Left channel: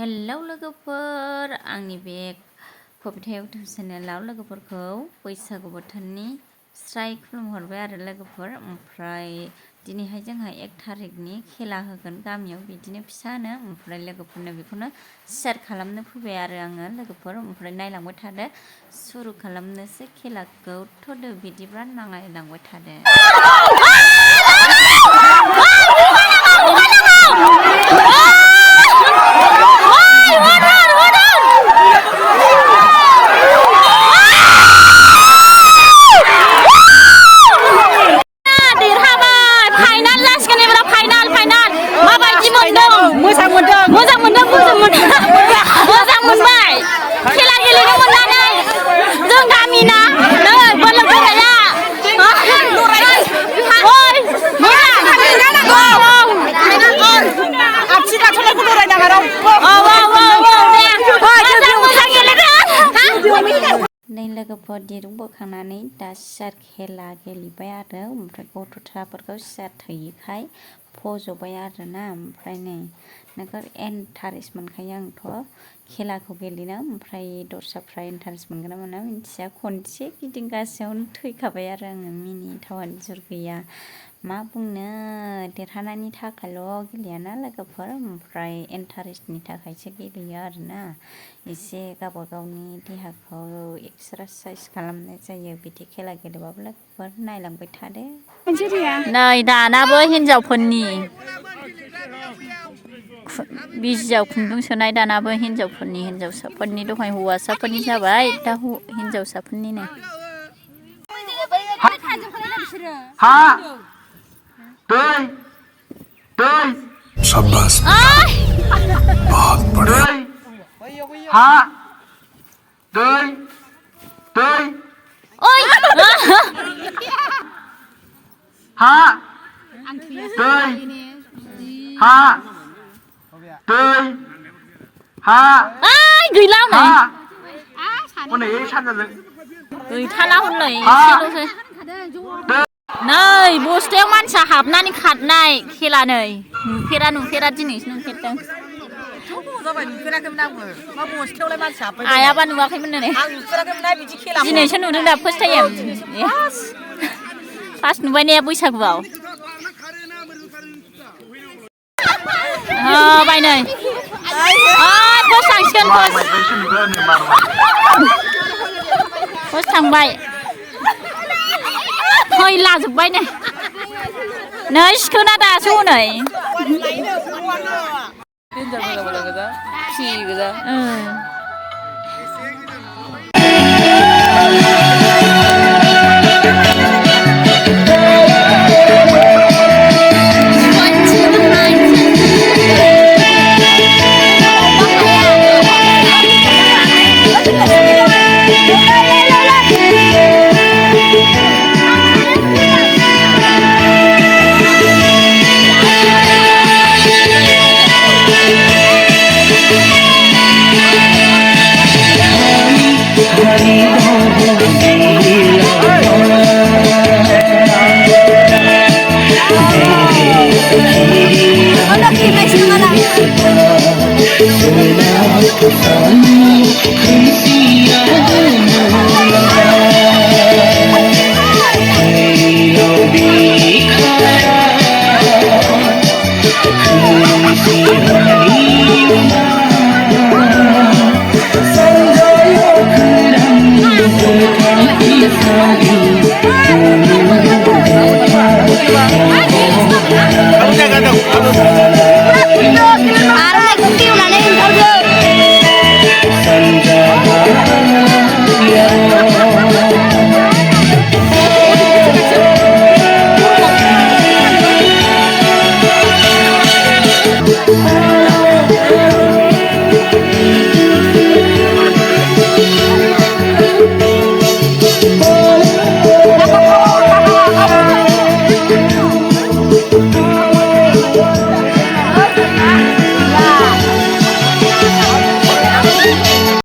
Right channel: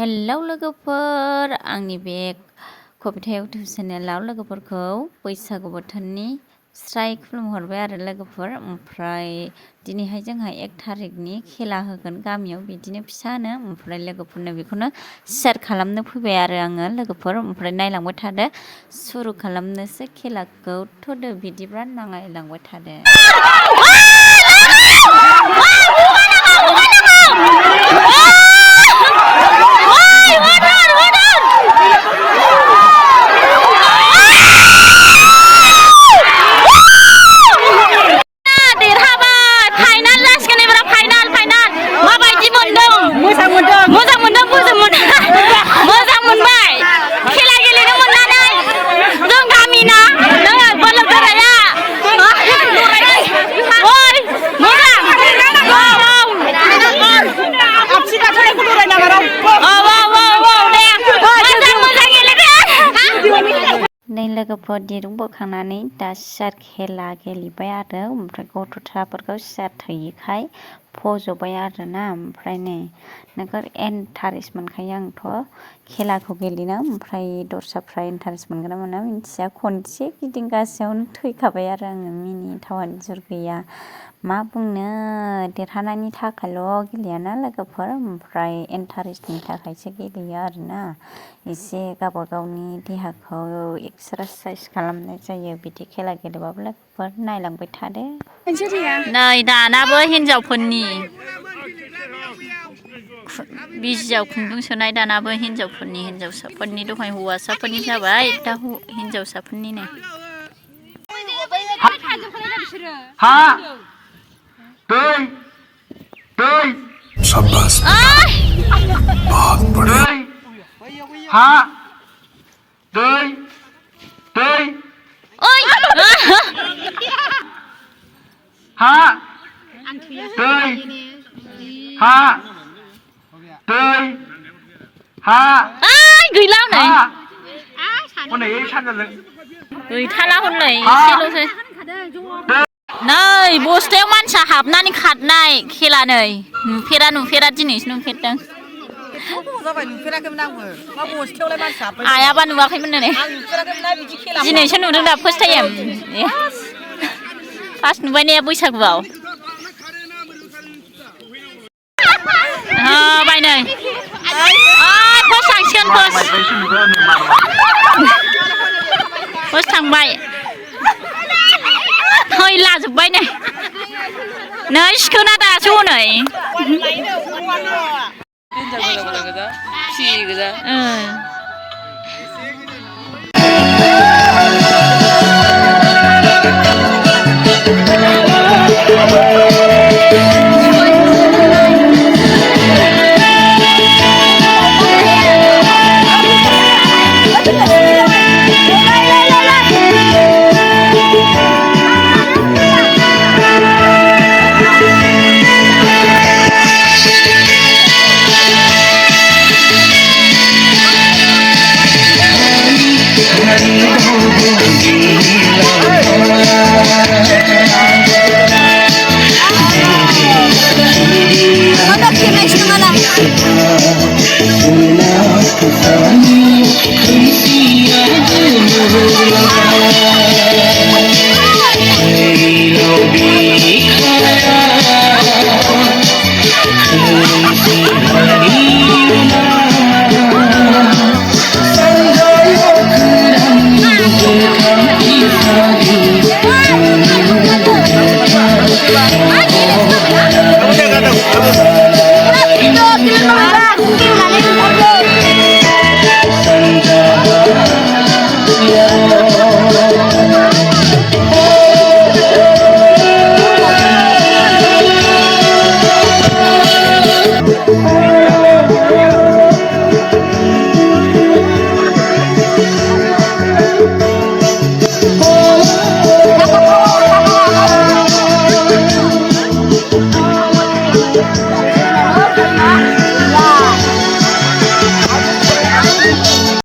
Hello लोगोफोर, आंनि बे कबिता इउटुब चेनेलाव लोगोफोरखौ बैसागु बोथोरनि स्राय खुलुमहरबाय आरो लोगोफोर। ओमफ्राय दिनैहाय जोंहा 1 थारिखनि खेला होगोन गामियाव, बिदिनो फिसानो। ओमफ्राय लोगोफोरनो बेखौनो शेयार खालामनो फैबाय आरो आङो लोगोफोर। ओमफ्राय नायलांबाय थादो, सुरु खालामनोसै खेलाखौ। थ'दो बिदिब्ला नायलांबाय थादो। मोजां मोनबाय खेला गेलेनो मोननानै। जों गामिना बोलो गोराया नै लोगोफोर दिरुं बोखांनानै दा सियार खेला गेलेबाय आरो। ओमफ्राय गथ'साफोरखौ सियार थोयैखाय फज'बाय आरो ना। ओमफ्राय नै नोगोर इन्टारेस्ट मोनखायो आंथ' खेलाखौ गेलेनो। ओमफ्राय दस्राफ्रा इन्टारेस्ट मोनगोन ना मोना मिन्थिया, खनसे गिदिंगासेयावनो थैखाबाय आरो आङो। मिनिथावानो जुर गैया, मा बुंनो। देरहानायनि थाखायल' गेलेयाना लोगोफोर, ओमफ्राय इन्टारेस्टनि थाखायसो गेलेयो आरोना। एसे गावबा गावनि देहाखौ एक्सारसाइस खालामनाय जायो बिदि खेला गेलेबाबो लोगोफोर। नायलांबाय थादो। नै दानाबो हिनजावफोरनि बिजियाव खुन्दुं सोनाय, दानाबो हिनजावसाफोरनि दहाय हौवासाफोरनि जाबाय, दा हिनजावसाफोरनि नै। शाबाश बहुत बढ़िया। गैला हनै गैथाला हनै एसेल'सै। नै बस्थायाव मानसिया हाबनानै खारनाय खेला, नै नुफेरा दिनैसो नुफेरदों। आयाबा नुवाखैमोन नै, दिनैसो नुदों दा फार्स्ट टाइम। फार्स्ट नुबाय ने बैसागुआव। बाय नै फार्स्ट थांसिगोन, फार्स्ट थांबाय। थै लाजोब्बाय नै सिखोना दासो हनै।